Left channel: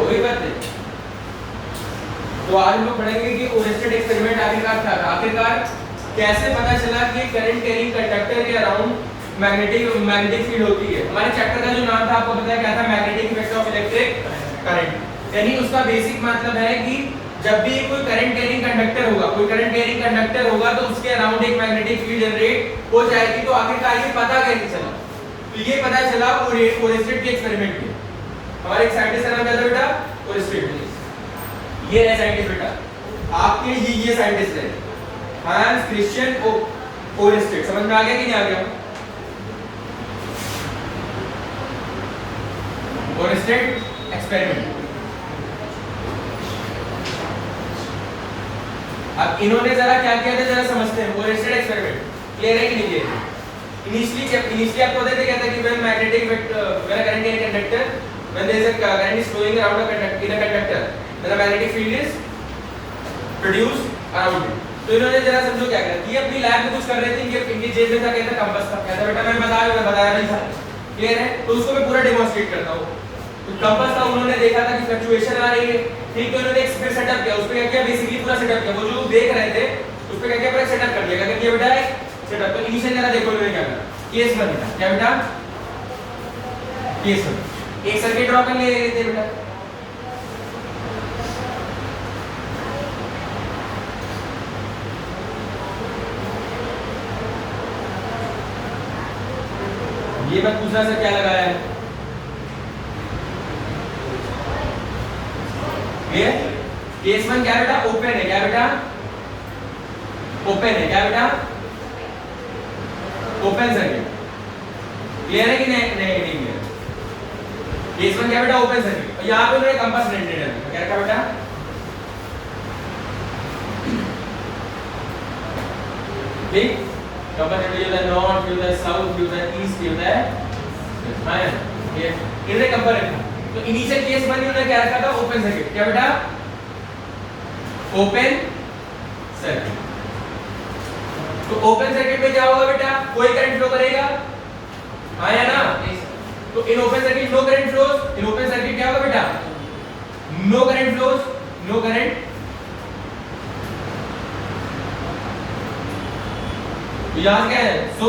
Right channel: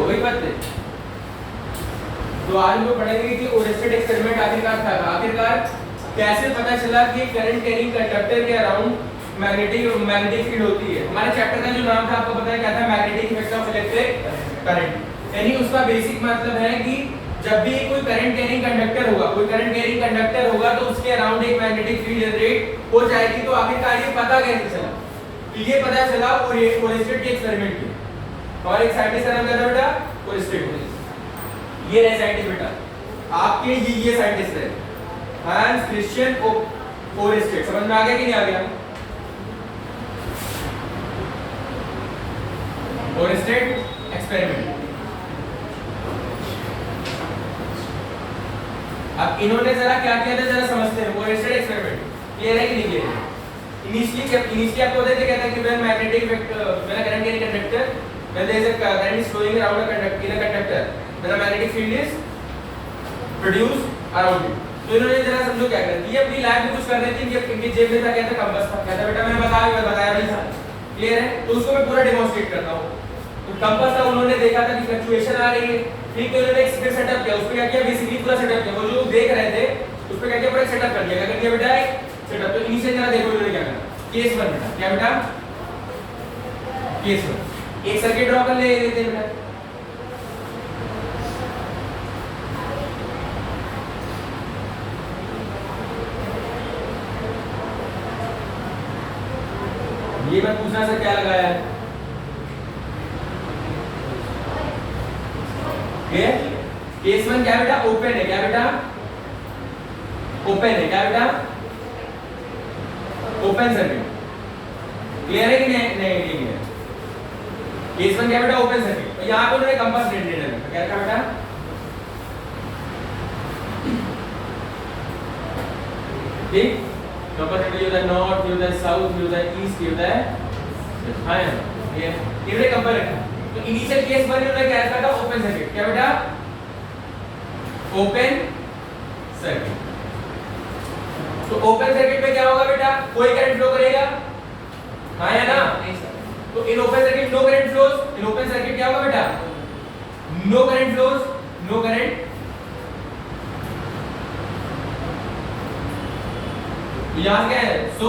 हो गई बात है। तो आज हम लोग पढ़ेंगे कि ओरेस्टेड एक्सपेरिमेंट आखिरकार क्या था, आखिरकार कैसे पता चला कि करंट कैरिंग कंडक्टर के अराउंड मैग्नेटिक फील्ड होती है। हमारे चैप्टर का जो नाम था आपको पता है क्या था, magnetic effect of electric current. यानी उसका बेसिक मतलब है कि जब भी कोई करंट कैरिंग कंडक्टर होगा, कोई करंट कैरिंग कंडक्टर होगा तो उसके अराउंड एक मैग्नेटिक फील्ड जनरेट हो जाएगी। तो आखिरकार ये पता कैसे चला, तो ये पता चला ओरेस्टेड के एक्सपेरिमेंट में। हमारे एक साइंटिस्ट का नाम क्या था बेटा, ओरेस्टेड। ये रहे साइंटिस्ट बेटा आपके, ये साइंटिस्ट रहे हांस क्रिश्चियन ओरेस्टेड। समझ में आ गया कि नहीं आ गया? Oersted experiment. अब इन्होंने जरा क्या किया था जरा समझते हैं। ओरेस्टेड एक्सपेरिमेंट क्लियर है कि नहीं क्लियर है? इनिशियली आपको बताते कहता है कि when magnetic when current in conductor when there is a current is flowing around a conductor in a conductor when a magnetic field is produced around it. तो इन्होंने जरा समझो क्या किया, ये अपनी लैब में कुछ कर रहे थे, इनकी जेब में था कहता कंपास था, कहता बेटा मैंने बताया नहीं था, क्लियर है? तो उसको मैं पूरा डेमोंस्ट्रेट करता हूं। तो कंपास था, उन्होंने देखा था कि फ्लक्चुएशन आ रही है, ठीक है? उन्होंने एक सेटअप किया, उसपे क्या किया, बेसिकली पूरा सेटअप किया। वो जो देख रहे थे उसपे क्या किया, पूरा सेटअप कर लिया। क्या किया बेटा, एक सेटअप। तो इनिशियल जरा देखो इन्होंने क्या करा, केस बन गया क्या बेटा, केस बन। एक सर्किट ड्रॉ कर ले थे बेटा, ये मैं पूछना सर क्या लगाया है, केस वन क्या बेटा, ओपन है, क्या बेटा ओपन है, क्या बेटा ओपन सर्किट। क्लियर है कि नहीं क्लियर? केस वन क्या बेटा, ओपन सर्किट। और यहां पे मैंने कंपास रेडिएटर है, क्या बेटा ठीक, compass radiator north, use the south, use the east, use the हां ये इन्हें कंपेयर रखना। तो इनिशियल केस वन में क्या रखा था, ओपन सर्किट, क्या बेटा ओपन सर्किट। तो ओपन सर्किट में क्या होगा बेटा, कोई करंट फ्लो करेगा, हाँ या ना? तो in open circuit no current flows, in open circuit क्या होगा बेटा, no current flows, no current. तो यहां क्या है, so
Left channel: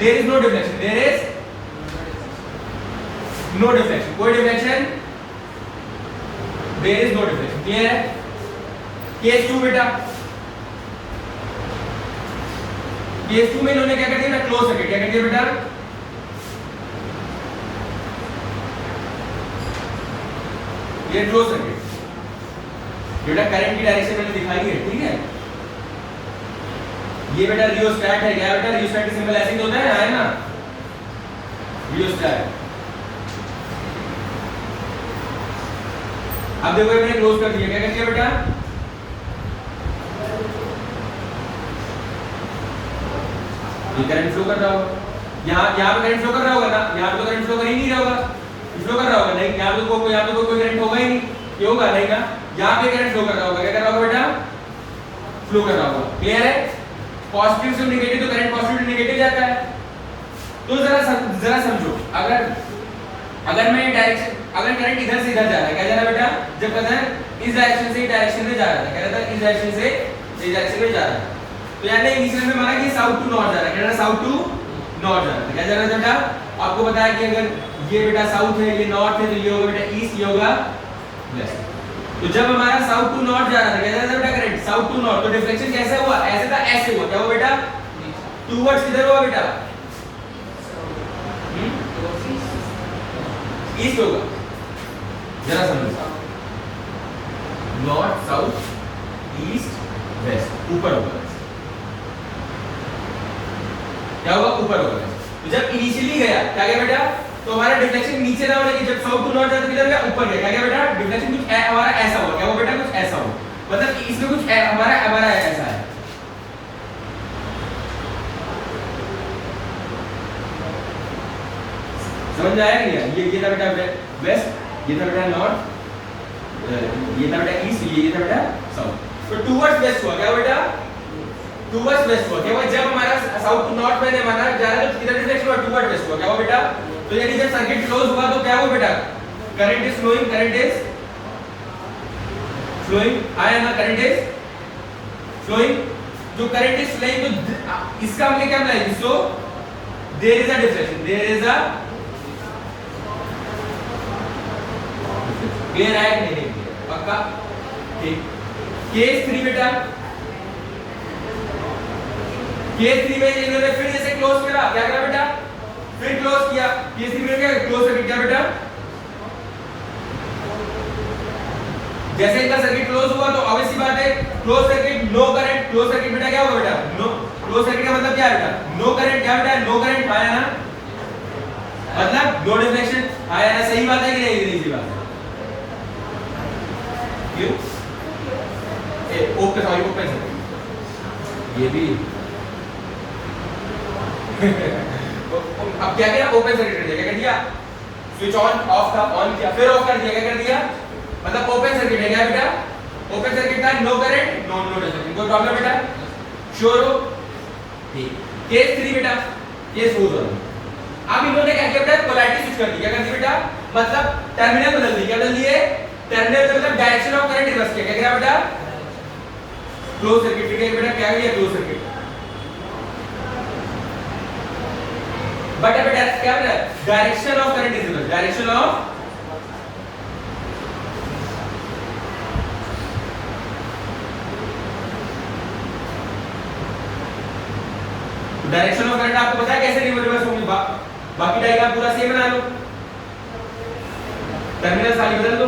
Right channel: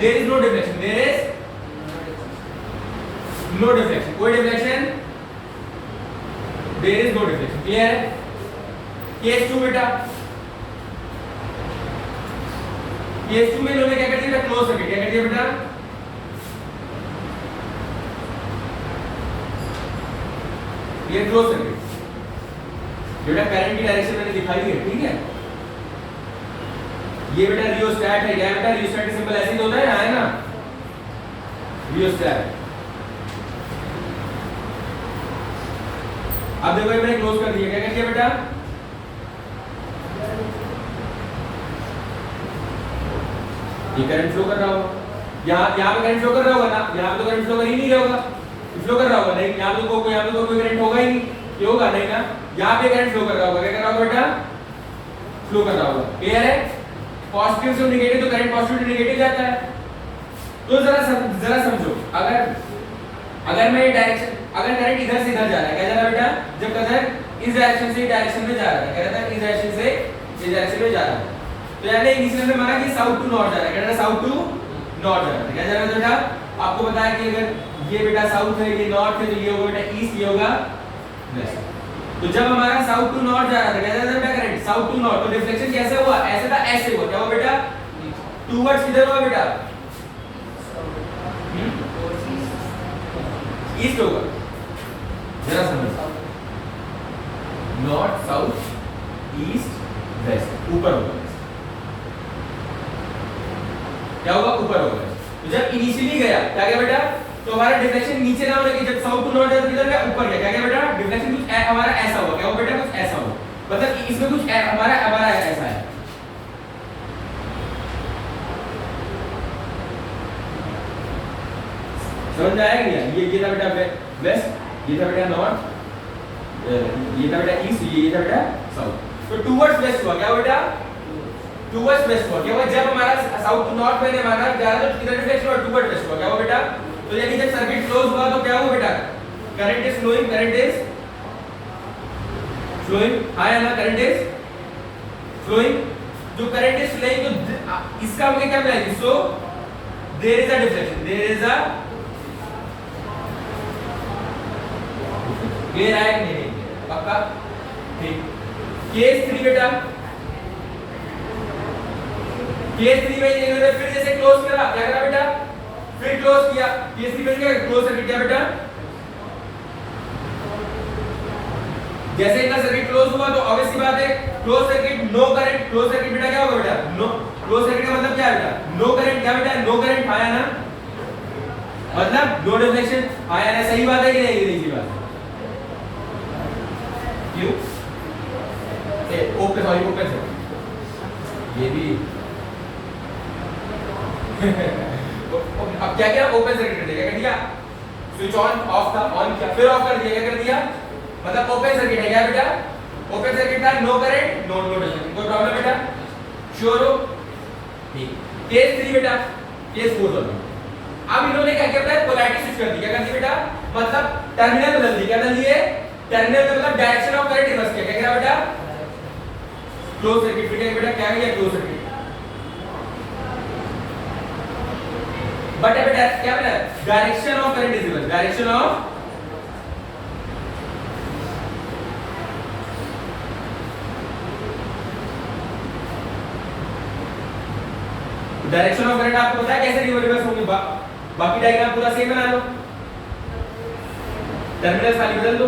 there is no deflection, there is no deflection, कोई deflection, there is no deflection. Clear है? केस टू बेटा, केस टू में इन्होंने क्या कर दिया, क्लोज सर्किट। क्या कर दिया बेटा, ये क्लोज सर्किट। बेटा करंट की डायरेक्शन मैंने दिखाई है, ठीक है? ये बेटा रियोस्टैट है, क्या बेटा रियोस्टैट का सिंबल ऐसे ही होता है ना, रियोस्टैट। अब देखो मैंने क्लोज कर दिया, क्या कर दिया बेटा, ये करंट फ्लो कर रहा होगा, यहाँ पे करंट फ्लो कर रहा होगा ना, यहाँ पे तो करंट फ्लो कर ही नहीं रहा होगा, फ्लो कर रहा होगा नहीं, यहाँ पे तो कोई करंट होगा ही नहीं, ये होगा नहीं ना, यहाँ पे करंट फ्लो कर रहा होगा, क्या कर रहा होगा बेटा, फ्लो कर रहा होगा। क्लियर है? पॉजिटिव से नेगेटिव, तो करंट पॉजिटिव से नेगेटिव जाता है। तो जरा समझो, अगर मैं डायरेक्शन, अगर करंट इधर से इधर जा रहा है, क्या जा रहा है बेटा, जब करंट इस डायरेक्शन से डायरेक्शन में जा रहा है, क्या रहता है, इस डायरेक्शन से इस डायरेक्शन में जा रहा है, तो यानी इनिशियल में माना कि साउथ टू नॉर्थ जा रहा है, क्या जा रहा है, साउथ टू नॉर्थ जा रहा है। क्या जा रहा है बेटा, आपको बताया कि अगर ये बेटा साउथ है, ये नॉर्थ है, तो ये होगा बेटा ईस्ट, ये होगा वेस्ट। तो जब हमारा साउथ टू नॉर्थ जा रहा था, क्या जा रहा था बेटा करंट साउथ टू नॉर्थ, तो डिफ्लेक्शन कैसे हुआ, ऐसे था, ऐसे हुआ, क्या हुआ बेटा, टूवर्ड्स किधर हुआ बेटा, ईस्ट होगा। जरा समझो, नॉर्थ साउथ ईस्ट वेस्ट, ऊपर होगा, क्या होगा, ऊपर होगा। जब इनिशियली गया क्या गया बेटा, तो हमारा डिफ्लेक्शन नीचे ना होने की, जब साउथ टू नॉर्थ जाता किधर गया, ऊपर गया, क्या गया बेटा, डिफ्लेक्शन कुछ हमारा ऐसा हुआ, क्या हुआ बेटा, कुछ ऐसा हुआ, मतलब इसमें कुछ हमारा ऐसा है। समझ में आया क्या? ये था बेटा वेस्ट, ये था बेटा नॉर्थ, ये था बेटा ईस्ट, ये था बेटा साउथ। तो टुवर्ड्स वेस्ट हुआ, क्या बेटा, टुवर्ड्स वेस्ट हुआ, क्या हुआ, जब हमारा साउथ टू नॉर्थ मैंने माना जा रहा है, तो किधर डिफ्लेक्शन हुआ, टुवर्ड वेस्ट हुआ, क्या हुआ बेटा। तो यानी जब सर्किट क्लोज हुआ तो क्या हुआ बेटा, करंट इज फ्लोइंग, हाँ या ना, करंट इज फ्लोइंग। जो करंट इज फ्लोइंग तो इसका हमने क्या बनाया, so there is a deflection, clear है कि नहीं, पक्का, ठीक। केस 3 बेटा, केस 3 में इन्होंने फिर जैसे क्लोज करा, क्या करा बेटा, फिर क्लोज किया, केस 3 में क्या क्लोज सर्किट, क्या बेटा, जैसे इनका सर्किट क्लोज हुआ तो ऑब्वियस सी बात है close circuit no current, close circuit बेटा क्या होगा बेटा, नो, क्लोज सर्किट का मतलब क्या है बेटा, नो करंट, क्या बेटा, नो करंट, आया ना, मतलब नो डिफ्लेक्शन, आया ना, सही बात है कि नहीं, इजी बात है, क्यों ओके, सॉरी ओपन सर्किट, ये भी अब क्या किया, ओपन सर्किट कर दिया, क्या कर दिया, स्विच ऑन ऑफ था, ऑन किया, फिर ऑफ कर दिया, क्या कर दिया, मतलब ओपन सर्किट है, क्या बेटा, ओपन सर्किट था, नो करंट, नो डिफ्लेक्शन, कोई प्रॉब्लम बेटा, श्योर हो, ठीक। केस 3 बेटा, केस 4 वाला, अब इन्होंने क्या किया बेटा, पोलैरिटी स्विच कर दी, क्या कर दी बेटा, मतलब टर्मिनल बदल दी, क्या बदल दिए, टर्मिनल मतलब डायरेक्शन ऑफ करंट रिवर्स किया, क्या बेटा, क्लोज सर्किट, क्या बेटा, क्या किया, क्लोज सर्किट, बट बेटा क्या बेटा, direction of current is reverse, direction of आपको पता है कैसे रिवर्स होंगी, बाकी डायग्राम पूरा सेम बना लो, टर्मिनल खाली बदल लो,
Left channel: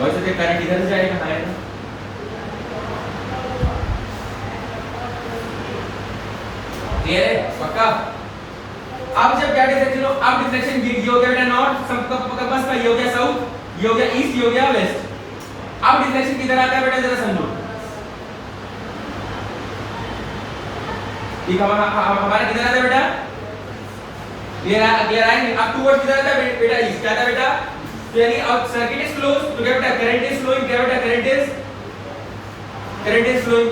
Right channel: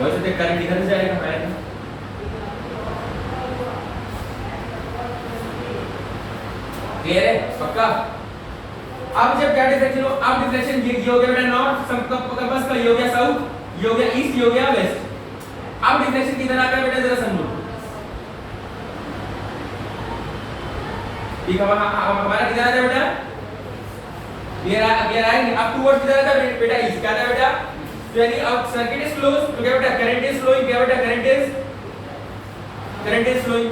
वैसे करंट इधर से जाएगा, क्लियर है, पक्का। अब जब क्या डिफ्लेक्शन हो, अब डिफ्लेक्शन ये हो गया बेटा नॉर्थ, सब कंपास का ये हो गया साउथ, ये हो गया ईस्ट, ये हो गया वेस्ट, अब डिफ्लेक्शन किधर आता है बेटा, जरा समझो, ठीक, हमारा किधर आता है बेटा, क्लियर है, अब टुवर्ड्स किधर आता है बेटा, ईस्ट, क्या आता है बेटा, तो यानी अब सर्किट इज क्लोज, तो क्या बेटा, करंट इज फ्लोइंग, क्या बेटा, करंट इज फ्लोइंग,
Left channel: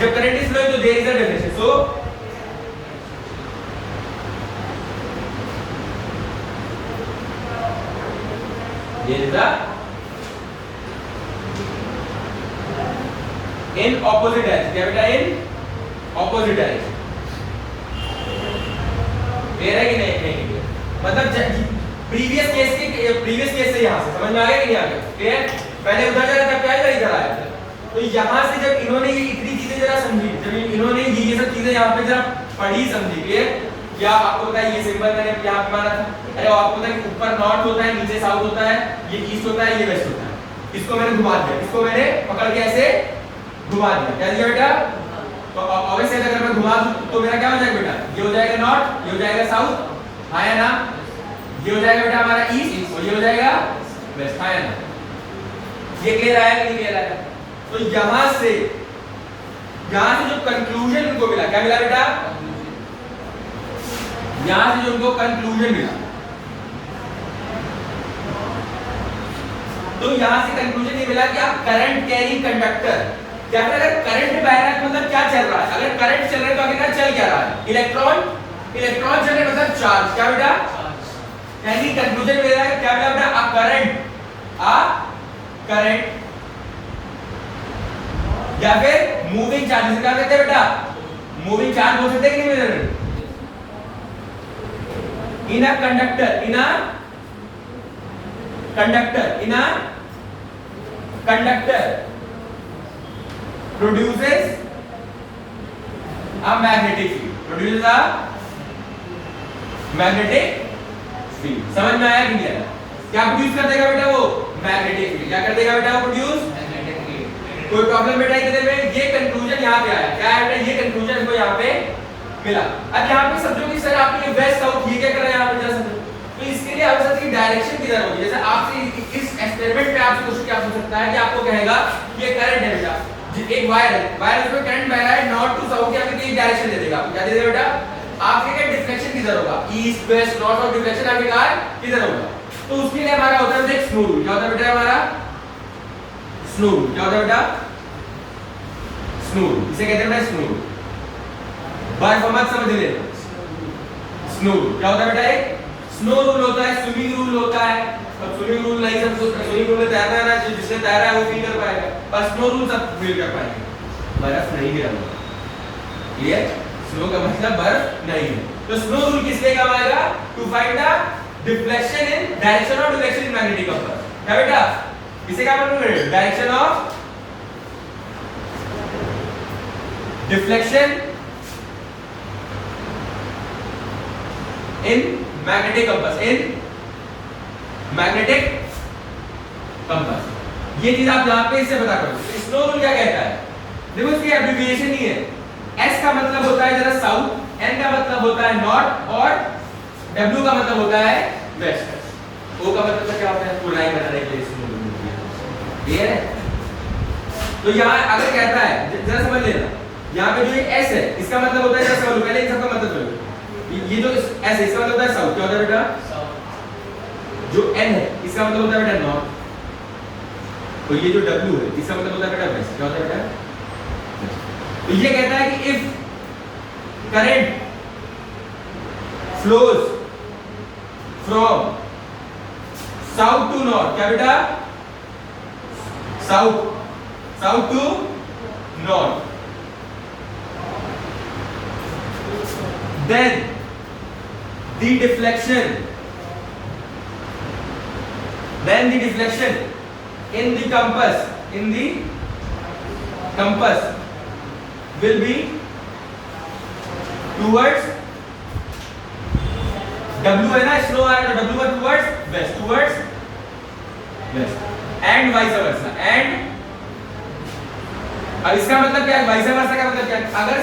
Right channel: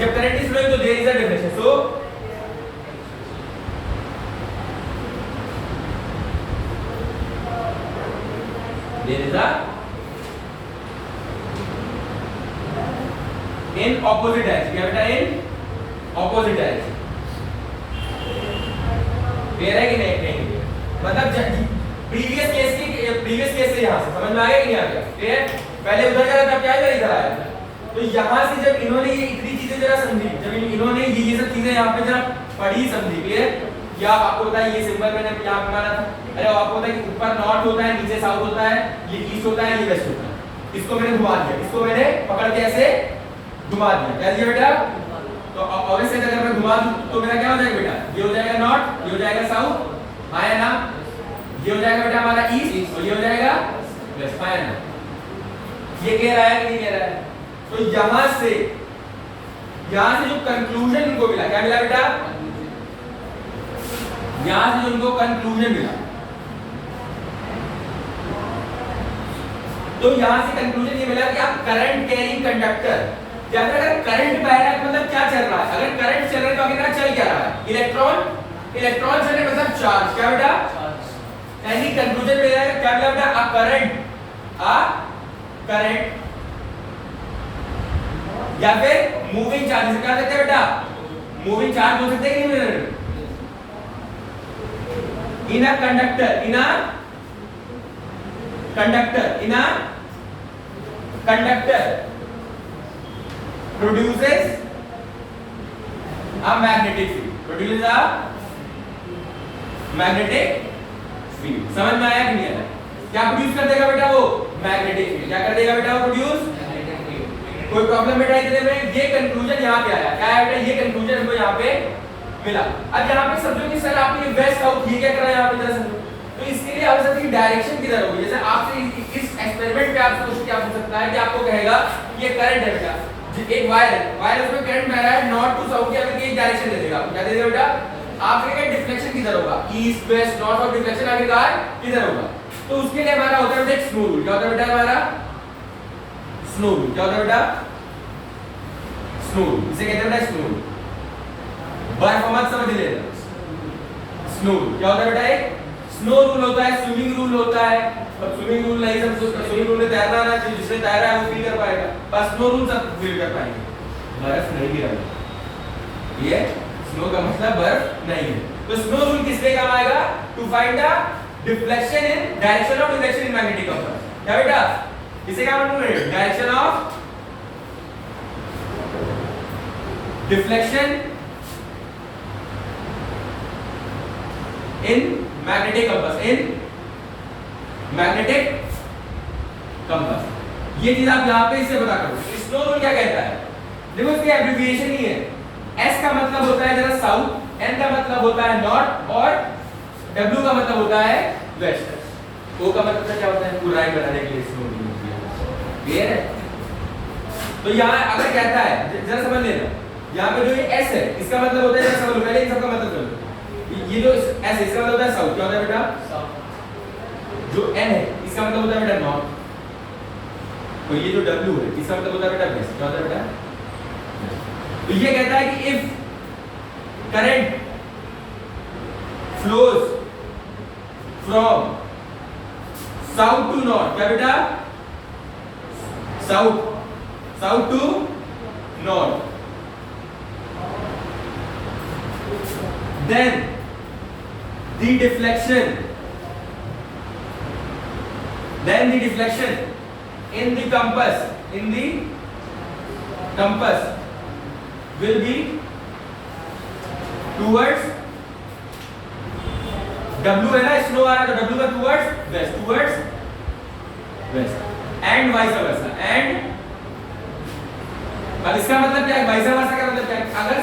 जब करंट इज फ्लोइंग तो there is a deflection, so there is a in opposite direction, क्या बेटा, इन ऑपोजिट डायरेक्शन, क्लियर है कि नहीं, मतलब प्रीवियस केस से यहां से समझ में आ गया कि नहीं आ गया, क्लियर, पहले उधर जा रहा था, क्या इधर आया था, तो यहां से जब इन्होंने ये इतनी चीजें जरा समझी, जब इन्होंने ये सब चीजें यहां पे जरा पढ़ी समझी, क्लियर, या आपको पता है ये सिंबल मैंने यहां पे माना था, अरे आपको पता है कि ऊपर नॉर्थ होता है, नीचे साउथ होता है, ये ईस्ट होता है, ये वेस्ट होता है, इसको मैंने घुमा दिया, इसको मैंने पकड़ के ऐसे घुमा दिया, क्या दिया बेटा, तो ऑब्वियसली अगर मैं घुमा दूं तो मेरा क्या हो जाएगा बेटा, ये हो जाएगा नॉर्थ, ये हो जाएगा साउथ, आया ना, ये हो जाएगा बेटा हमारा ईस्ट, और ये हो जाएगा वेस्ट, आया ना, ये क्लियर आया कि नहीं क्लियर आया, तो यहां से जो कंक्लूजन उनको मिला, क्या मिला बेटा, यहां से जो उनको कंक्लूजन मिला, तो यहां से कंक्लूजन ये मिला कि आप करंट कैरिंग कंडक्टर, या फिर अगर करंट बह रहा है मतलब क्या चल रहा है, अगर करंट चल रहा है तो आगे क्या चल क्या रहा है, इलेक्ट्रॉन चल रहे मतलब चार्ज, क्या बेटा, यानी कंक्लूजन मिला है, क्या मिला बेटा, अ करंट या फिर मूविंग चार्ज, क्या कहते हैं बेटा, मूविंग चार्ज बोल सकते हैं कि नहीं, in a conductor produces a magnetic field, समझ में आया कि नहीं आया, क्या प्रोड्यूस कर देगा बेटा, वो मैग्नेटिक फील्ड, क्या कर देगा बेटा, वो प्रोड्यूस मैग्नेटिक फील्ड, कोई प्रॉब्लम बेटा इधर में, ये कंक्लूजन यहाँ पे आया, क्या है बेटा, ये कंक्लूजन हमको यहाँ पे मिला। अब यहाँ पे समझो कि सर आपने वेस्ट साउथ ये क्या कर रहा है यहाँ पे, जरा समझो, तो इसके लिए आवश्यक है कि डायरेक्शन किधर होगी, जैसे आपसे इस एक्सपेरिमेंट में आपसे क्वेश्चन क्या पूछ सकता है कि आपको कहेगा ये करंट है बेटा, एक वायर है, उसमें करंट बह रहा है नॉर्थ टू साउथ, या फिर एक डायरेक्शन दे देगा, क्या दे देगा बेटा, आपके क्या डिफ्लेक्शन किधर होगा, ईस्ट वेस्ट नॉर्थ, और डिफ्लेक्शन आखिरकार किधर होगा, तो उसके लिए हमारा होता है स्नो रूल, क्या होता है बेटा हमारा स्नो रूल, क्या होता है बेटा स्नो रूल, इसे कहते हैं बेटा स्नो रूल। बर्फ मत समझ लेना। स्नो रूल क्या होता है बेटा? एक स्नो रूल होता है, स्विमिंग रूल होता है। अब स्विमिंग रूल नहीं सब कुछ, स्विमिंग रूल में तैरना है ना, जिसने तैरा है वो फील कर पाएगा, पर स्नो रूल सब फील कर पाएंगे। बर्फ नहीं गिरा हुआ, क्लियर? स्नो का मतलब बर्फ नहीं है। तो स्नो रूल किसके काम आएगा? To find the deflection in direction of deflection in magnetic compass. क्या बेटा? किसके काम आएगा? Direction of deflection in magnetic compass, in magnetic compass. ये चीज आप यहां पे इससे पता करो। स्नो रूल क्या कहता है? देखो इसकी एब्रिविएशन ही है। S का मतलब होता है जरा साउथ, N का मतलब होता है नॉर्थ और W का मतलब होता है वेस्ट। O का मतलब क्या होता है? पूरा राइट बनाने के लिए स्नो रूल। क्लियर है? तो यहां अगर कहता है, जरा समझ लेना, यहां पे जो ये S है इसका मतलब होता है, जरा समझ लो पहले इन सबका मतलब समझो। ये जो S है इसका मतलब होता है साउथ। क्या होता है बेटा? जो N है इसका मतलब होता है बेटा नॉर्थ, तो ये जो W है इसका मतलब होता है बेटा वेस्ट। क्या होता है बेटा? तो ये कहता है कि if current flows from south to north, क्या बेटा? South to north, then the deflection in the compass will be towards W है ना, स्नो आ रहा है तो W का towards west and vice versa। and अब इसका मतलब क्या है? vice versa का मतलब क्या है? अगर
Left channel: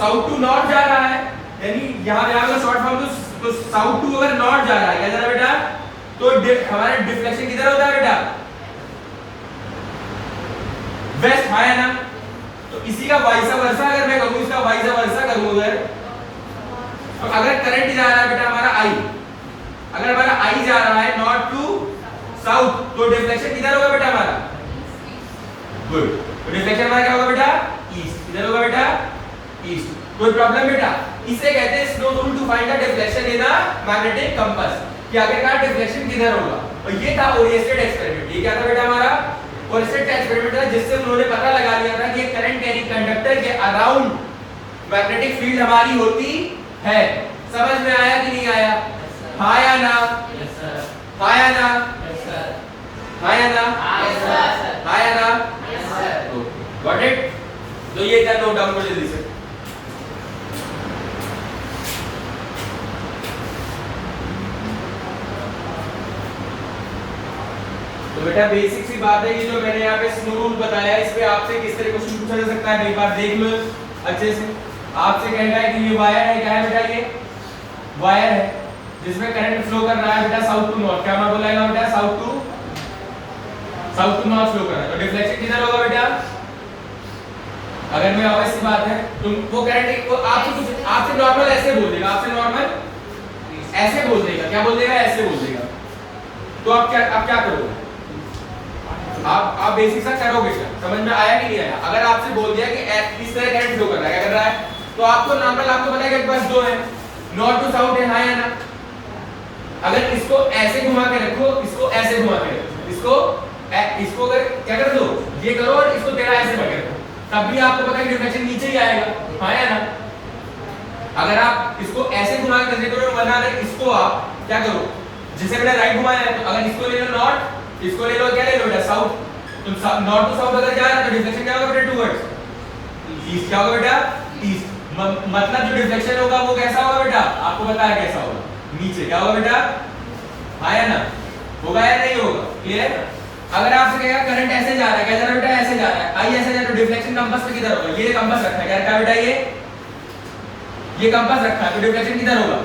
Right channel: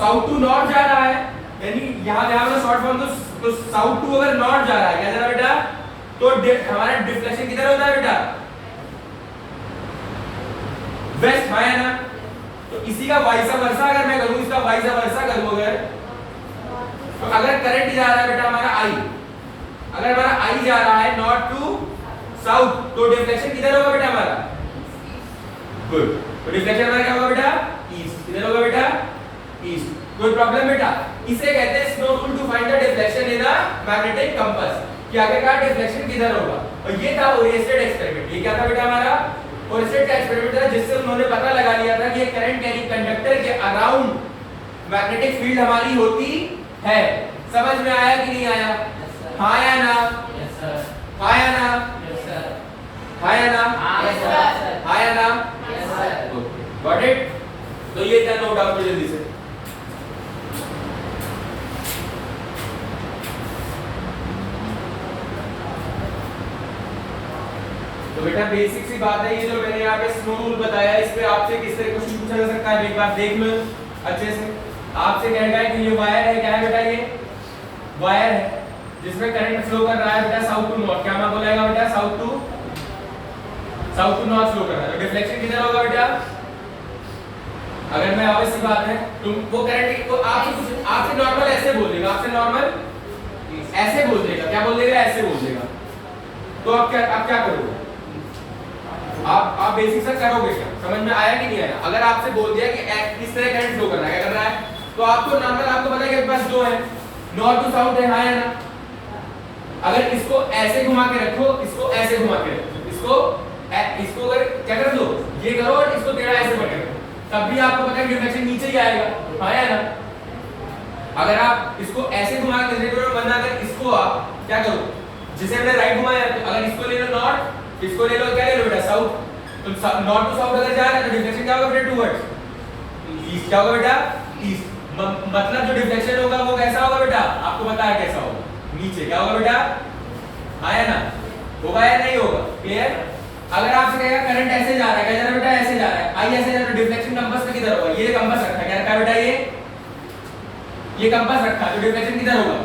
साउथ टू नॉर्थ जा रहा है, यानी यहां का शॉर्ट फॉर्म तो साउथ टू अगर नॉर्थ जा रहा है, क्या जा रहा है बेटा? तो हमारा डिफ्लेक्शन किधर होता है बेटा? वेस्ट, हाँ है ना? तो इसी का वाइस वर्सा अगर मैं करूं, इसका वाइस वर्सा करूं अगर, तो अगर करंट जा रहा है बेटा हमारा I, अगर हमारा I जा रहा है नॉर्थ टू साउथ, तो डिफ्लेक्शन किधर होगा बेटा हमारा? गुड। तो डिफ्लेक्शन हमारा क्या होगा बेटा? ईस्ट। किधर होगा बेटा? ईस्ट। कोई प्रॉब्लम बेटा? इसे कहते हैं स्नो rule to find the deflection in a magnetic compass, कि आखिरकार डिफ्लेक्शन किधर होगा। और ये था ओरिएंटेड एक्सपेरिमेंट। ये क्या था बेटा हमारा? ओरिएंटेड एक्सपेरिमेंट था, जिससे उन्होंने पता लगा लिया था कि करंट यानी कंडक्टर के अराउंड मैग्नेटिक फील्ड हमारी होती है। समझ में आया कि नहीं आया? हाँ या ना? Yes sir. हाँ या ना? Yes sir. हाँ या ना? Yes sir. हाँ या ना? Yes sir. Okay, got it? तो ये था, नोट डाउन करो जल्दी से। तो बेटा बेसिक सी बात है, ये जो मैंने यहाँ पे स्नो रूल बताया, इस पे आपसे किस तरह क्वेश्चन पूछा जा सकता है, एक बार देख लो अच्छे से। आपसे कहेगा है कि ये वायर है, क्या है बेटा? ये वायर है जिसमें करंट फ्लो कर रहा है बेटा साउथ टू नॉर्थ। क्या मैं बोलेगा बेटा? साउथ टू नॉर्थ फ्लो कर रहा है। तो डिफ्लेक्शन किधर होगा बेटा? अगर मैं ऑब्वियस सी बात है, तुम वो करंट को आपसे नॉर्मल ऐसे बोल देगा, आपसे नॉर्मल ऐसे बोल देगा। क्या बोल देगा? ऐसे बोल देगा। तो आप क्या करोगे? आप बेसिक सा करोगे क्या? समझ में आया कि नहीं आया? अगर आपसे बोल दिया कि इस तरह करंट फ्लो कर रहा है, क्या कर रहा है, तो आपको नॉर्मल आपको पता है कि बस दो है, नॉर्थ टू साउथ है, हाँ या ना? अगर इसको ऐसे घुमा के रखो, इसको ऐसे घुमा के रखो, इसको अगर क्या कर दो, ये करो और इसको टेढ़ा ऐसे पकड़ रखो, तब भी आपको पता है डिफ्लेक्शन नीचे ही आएगा, हाँ या ना? अगर आप इसको ऐसे घुमा के करने को बना रहे, इसको आप क्या करो, जिसे मैंने राइट घुमाया है, तो अगर इसको ले लो नॉर्थ, इसको ले लो क्या ले लो बेटा? साउथ। तो नॉर्थ टू साउथ अगर जा रहा है तो डिफ्लेक्शन क्या होगा बेटा? Towards east. क्या होगा बेटा? ईस्ट। मतलब जो डिफ्लेक्शन होगा वो कैसा होगा बेटा? आपको पता है कैसा होगा? नीचे। क्या होगा बेटा? हाँ या ना? होगा या नहीं होगा? क्लियर? अगर आपसे कहेगा करंट ऐसे जा रहा है, क्या जा रहा है बेटा? ऐसे जा रहा है, आई ऐसे जा रहा है, तो डिफ्लेक्शन कंपास पे किधर होगा? ये कंपास रखा है, क्या रखा है बेटा? ये कंपास रखा है, तो डिफ्लेक्शन किधर होगा?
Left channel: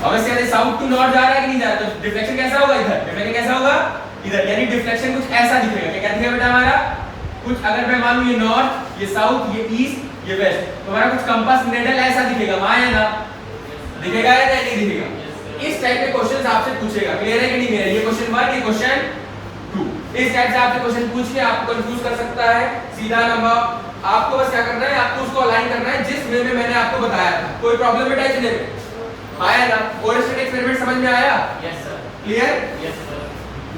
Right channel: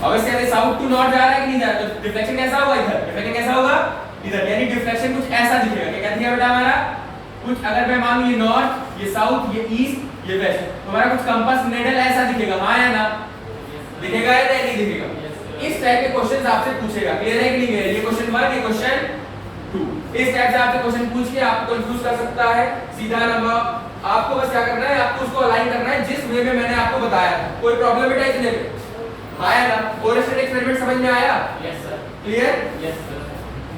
ऑब्वियसली साउथ टू नॉर्थ जा रहा है कि नहीं जा रहा, तो डिफ्लेक्शन कैसा होगा? इधर। डिफ्लेक्शन कैसा होगा? इधर। यानी डिफ्लेक्शन कुछ ऐसा दिखेगा। क्या दिखेगा बेटा हमारा? कुछ अगर मैं मान लूं ये नॉर्थ, ये साउथ, ये ईस्ट, ये वेस्ट, तो हमारा कुछ कंपास निडल ऐसा दिखेगा, हाँ या ना? दिखेगा या नहीं दिखेगा? इस टाइप के क्वेश्चंस आपसे पूछेगा। क्लियर है कि नहीं? ये क्वेश्चन 1, ये क्वेश्चन 2। इस टाइप से आपसे क्वेश्चन पूछ के आपको कंफ्यूज कर सकता है। सीधा नंबर आपको बस क्या करना है, आपको उसको अलाइन करना है जिस वे में मैंने आपको बताया। कोई प्रॉब्लम बेटा इतने पे आया ना? कोरिलेशन एक्सपेरिमेंट समझ में आया? Yes, sir. Clear? Yes, sir.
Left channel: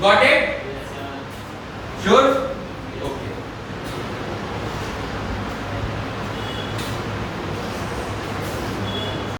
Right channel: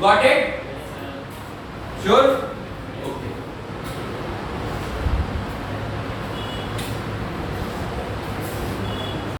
Got it? Yes, sir. Sure?